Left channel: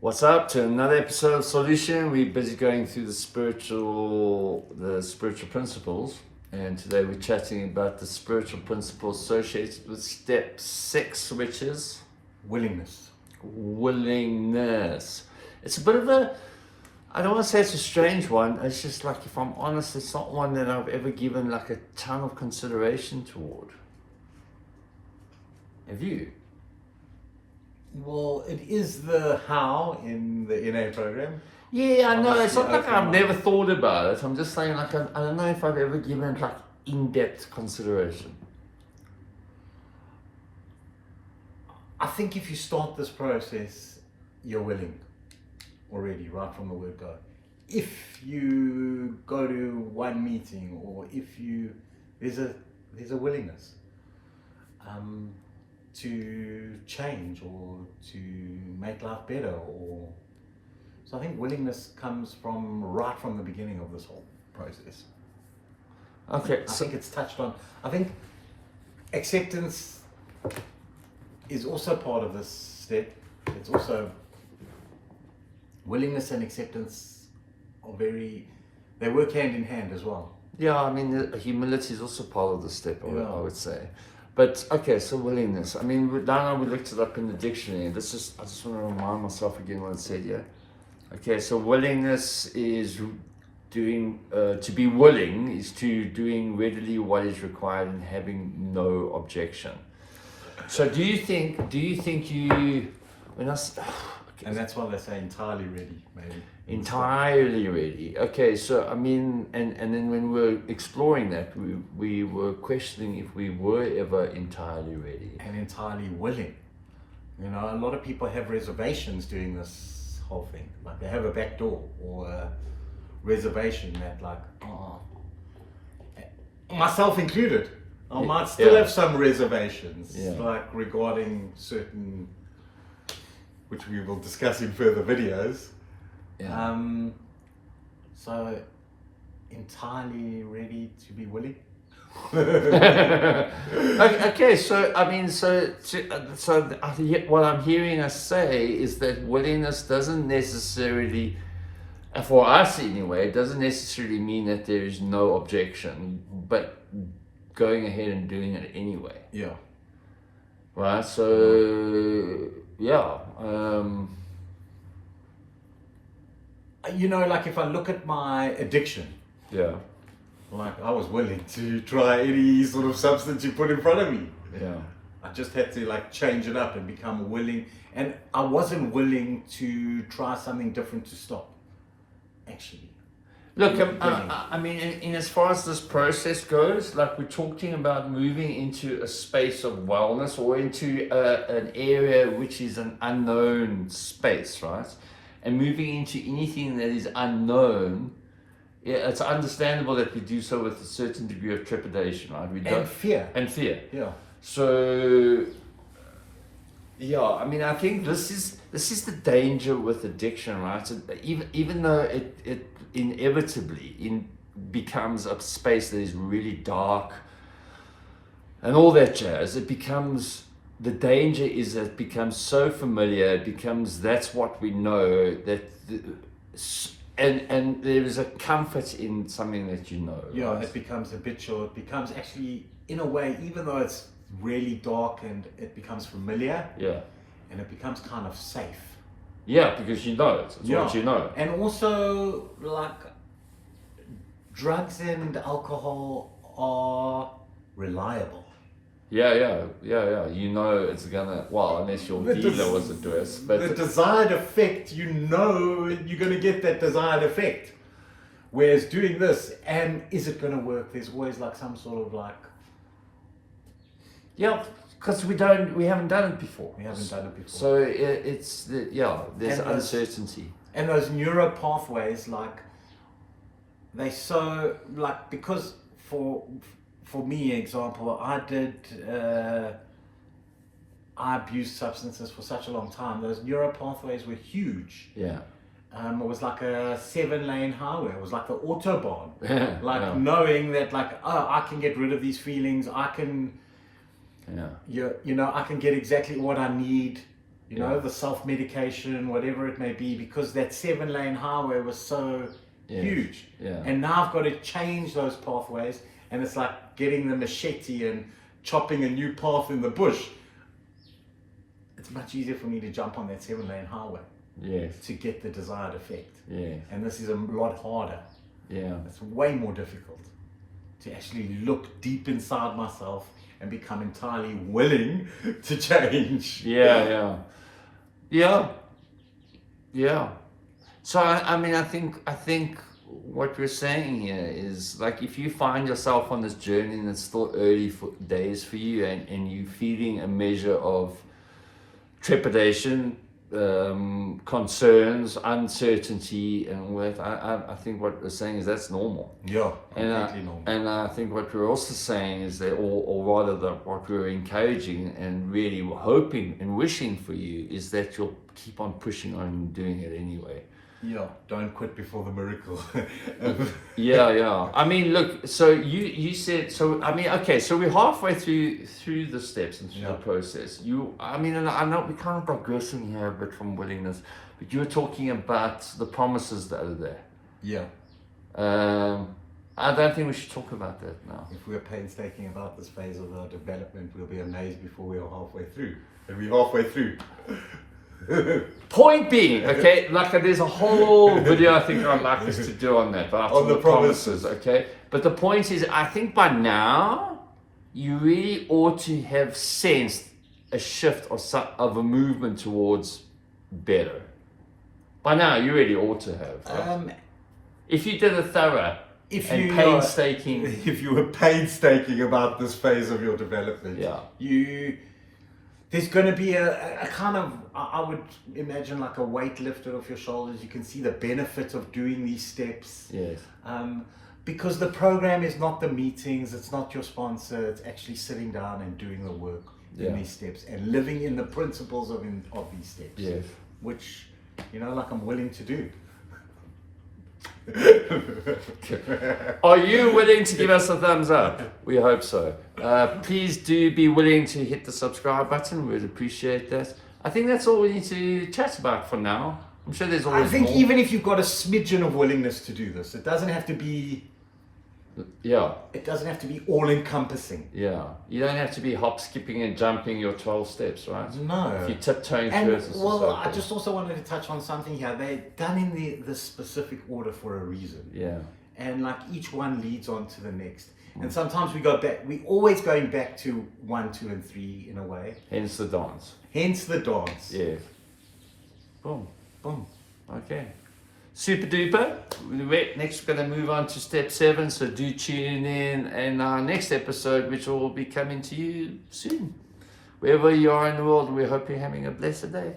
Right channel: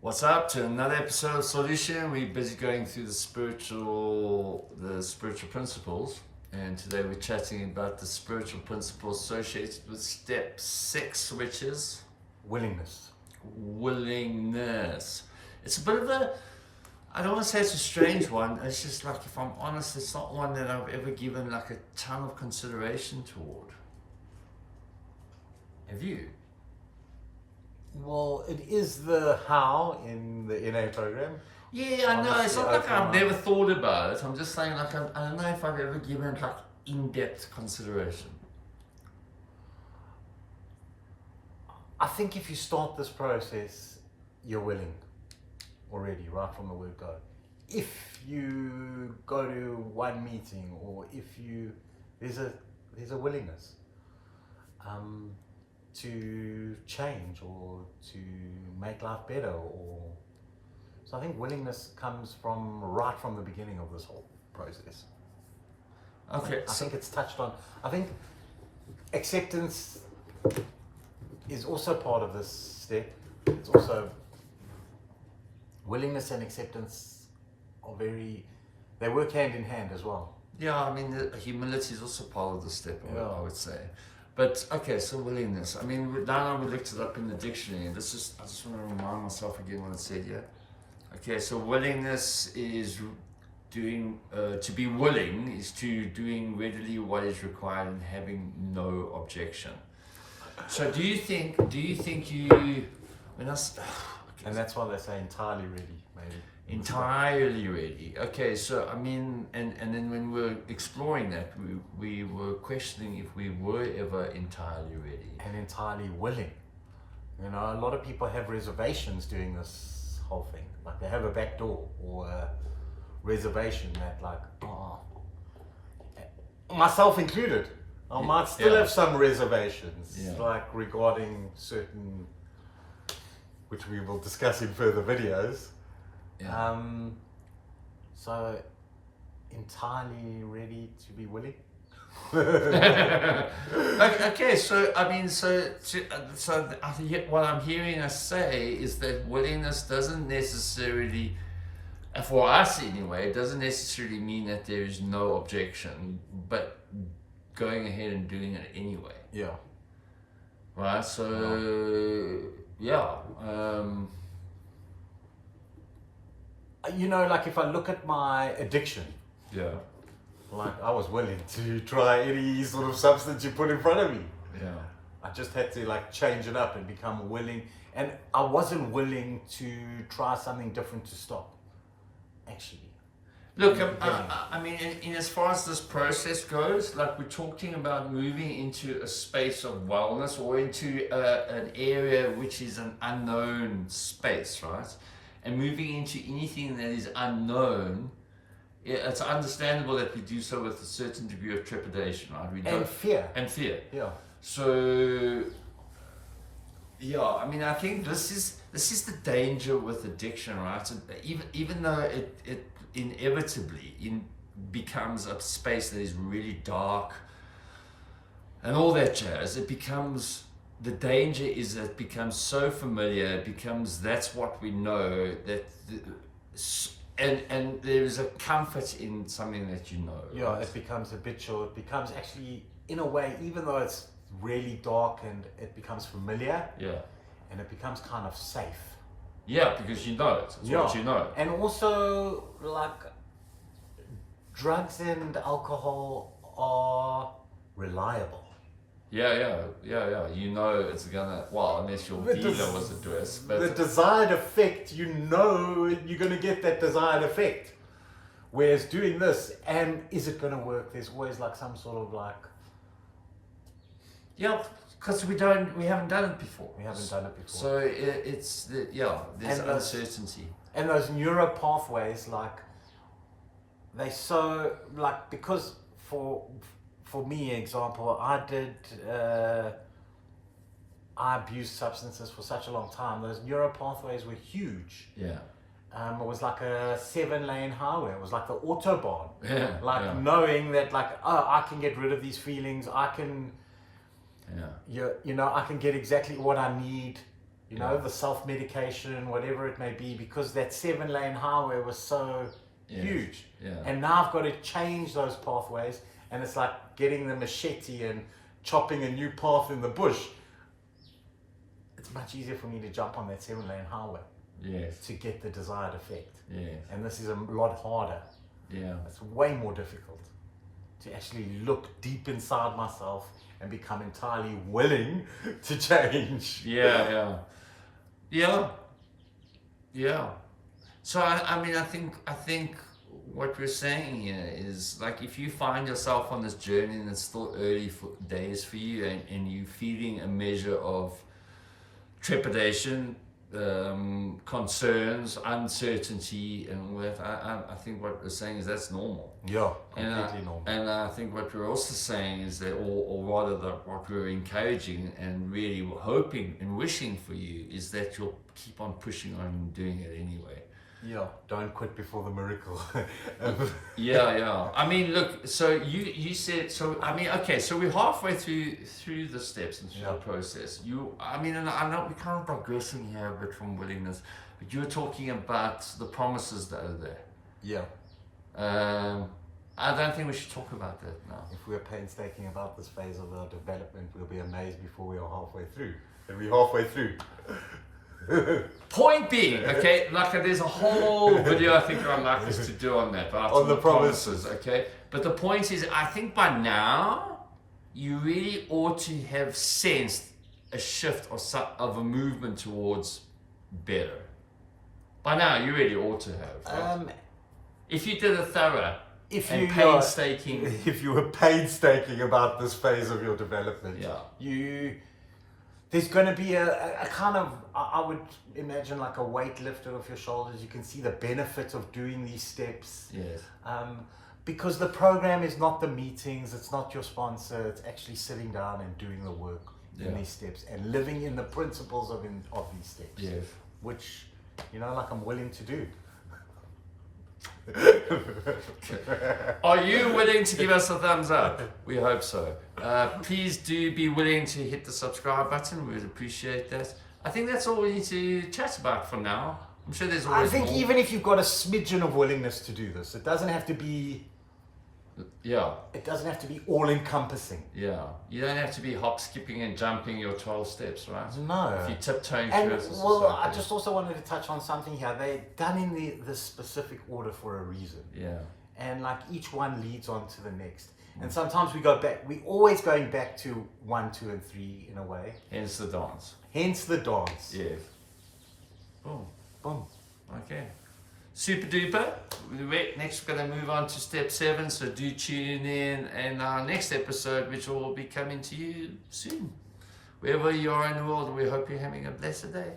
What's up to another episode of Solution? We're busy going through the spiritual principles, and today we're chatting about the spiritual principles associated with step 6, which is Willingness. willingness. It's a bit of a, I don't want to say it's a strange one. It's just like, if I'm honest, it's not one that I've ever given like a ton of consideration toward. Have you? Well, it is the how in the NA program. Yeah, I know. It's Honestly, not like open I've mind. never thought about it. I'm just saying, like, I don't know if I've ever given it like in-depth consideration. I think if you start this process, you're willing already, right from the word go. If you go to one meeting, or if you there's a willingness to change or to make life better, or so I think willingness comes from right from the beginning of this whole process. Okay, I so think it's touched on. I think acceptance is also part of this step. It's also willingness and acceptance are they work hand in hand as well. yeah, I mean, humility is also part of the step, Yeah. I would say. But okay, so willingness. I mean, now we looked it up in the dictionary. I just want to remind myself again what it said here. Okay, so willingness is doing, to be willing is to doing readily what is required and having no objection. So do you think you, when I, And that's why they say entirely ready, maybe. entirely ready? Okay, so I mean, and then when we were exploring that, we were questioning if we were ever entirely ready. And entirely willing. You know, a lot of people have reservations doing this whole thing. Like they have a back door or a reservation that, like, myself included, I might still Yeah. have some reservations, Yeah. like regarding certain, which we will discuss in further videos. Yeah. So entirely ready to be willing. Okay, so I mean, what I'm hearing us say is that willingness doesn't necessarily, for us anyway, it doesn't necessarily mean that there is no objection, but going ahead and doing it anyway, Yeah. right? So yeah, You know, like if I look at my addiction, yeah, like I was willing to try any sort of substance you put in front of me. yeah. I just had to like change it up and become willing. And I wasn't willing to try something different to stop, actually. Look, Yeah. I mean, in as far as this process goes, like we're talking about moving into a space of wellness or into an area which is an unknown space, right? And moving into anything that is unknown, yeah, it's understandable that we do so with a certain degree of trepidation, right? We And fear. and fear. Yeah. So, yeah, I mean, I think this is the danger with addiction, right? So even though it inevitably becomes a space that is really dark and all that jazz, the danger is that it becomes so familiar, that's what we know, and there is a comfort in something that you know. Yeah, right? it becomes habitual. It becomes actually, in a way, even though it's really dark and it becomes familiar Yeah. and it becomes kind of safe. Yeah, because you know it. It's what you know. And also, like, drugs and alcohol are reliable. Yeah. You know it's gonna, well, unless your The dealer was addressed, but the desired effect, you know you're going to get that desired effect. Whereas doing this, and is it going to work? There's always like some sort of like, yeah, because we haven't done it before. we haven't done it before. So there's And those- uncertainty. And those neuro pathways, like, because for me, example, I abused substances for such a long time. Those neuro pathways were huge. Yeah. It was like a 7-lane highway. It was like the autobahn. Yeah. Like yeah. knowing that, like, oh, I can get rid of these feelings. I can, Yeah. you know, I can get exactly what I need You know, the self-medication, whatever it may be, because that 7-lane highway was so huge. Yeah. And now I've got to change those pathways, and it's like getting the machete and chopping a new path in the bush. It's much easier for me to jump on that 7-lane highway Yes. to get the desired effect. Yes. And this is a lot harder. Yeah. It's way more difficult to actually look deep inside myself and become entirely willing to change. Yeah. So I mean, I think what we're saying here is, like, if you find yourself on this journey and it's still early days for you, and you're feeling a measure of trepidation, concerns, uncertainty, and all that, I think what we're saying is that's normal. Yeah, completely normal. And I think what we're also saying is that, or rather what we're encouraging and really hoping and wishing for you, is that you'll keep on pushing on and doing it anyway. Yeah, don't quit before the miracle. Yeah. I mean, look, so you said, so I mean, okay, so we're halfway through the steps and through the process. I mean, and I know we're kind of progressing here a bit from willingness, but you were talking about the promises that are there. Yeah. I don't think we should talk about that now. If we're painstaking about this phase of our development, we'll be amazed before we are halfway through. And we're halfway through. Point being, okay, like there's a whole video I think I'd like us to do on that, but on the promises, okay? But the point is, I think by now, you really ought to have sensed a shift of a movement towards better. By now, you really ought to have. Right? If you did a thorough and painstaking... If you were painstaking about this phase of your development, there's going to be a kind of, I would imagine, like a weight lifted off your shoulders. You can see the benefit of doing these steps. Yes. Because the program is not the meetings, it's not your sponsor, it's actually sitting down and doing the work in these steps and living in the principles of these steps. Yes. Which, like I'm willing to do. Are you willing to give us a thumbs up? We hope so. Please do be willing to hit the subscribe button. We'd appreciate that. I think that's all we need to chat about for now. I'm sure there's always more. Even if you've got a smidgen of willingness to do this, it doesn't have to be... It doesn't have to be all-encompassing. Yeah. You don't have to be hop, skipping and jumping your 12 steps, right? No. If you're tiptoeing through it, I just also wanted to touch on something here. They're done in the specific order for a reason. Yeah. And like each one leads on to the next. And sometimes we go back, we're always going back to 1, 2, and 3 in a way. Hence the dance. Hence the dance. Yeah. Boom. Boom. Okay. Super duper. Next, we're going to move on to step 7. So do tune in our next episode, which will be coming to you soon. Wherever you are in the world, we hope you're having a blessed day.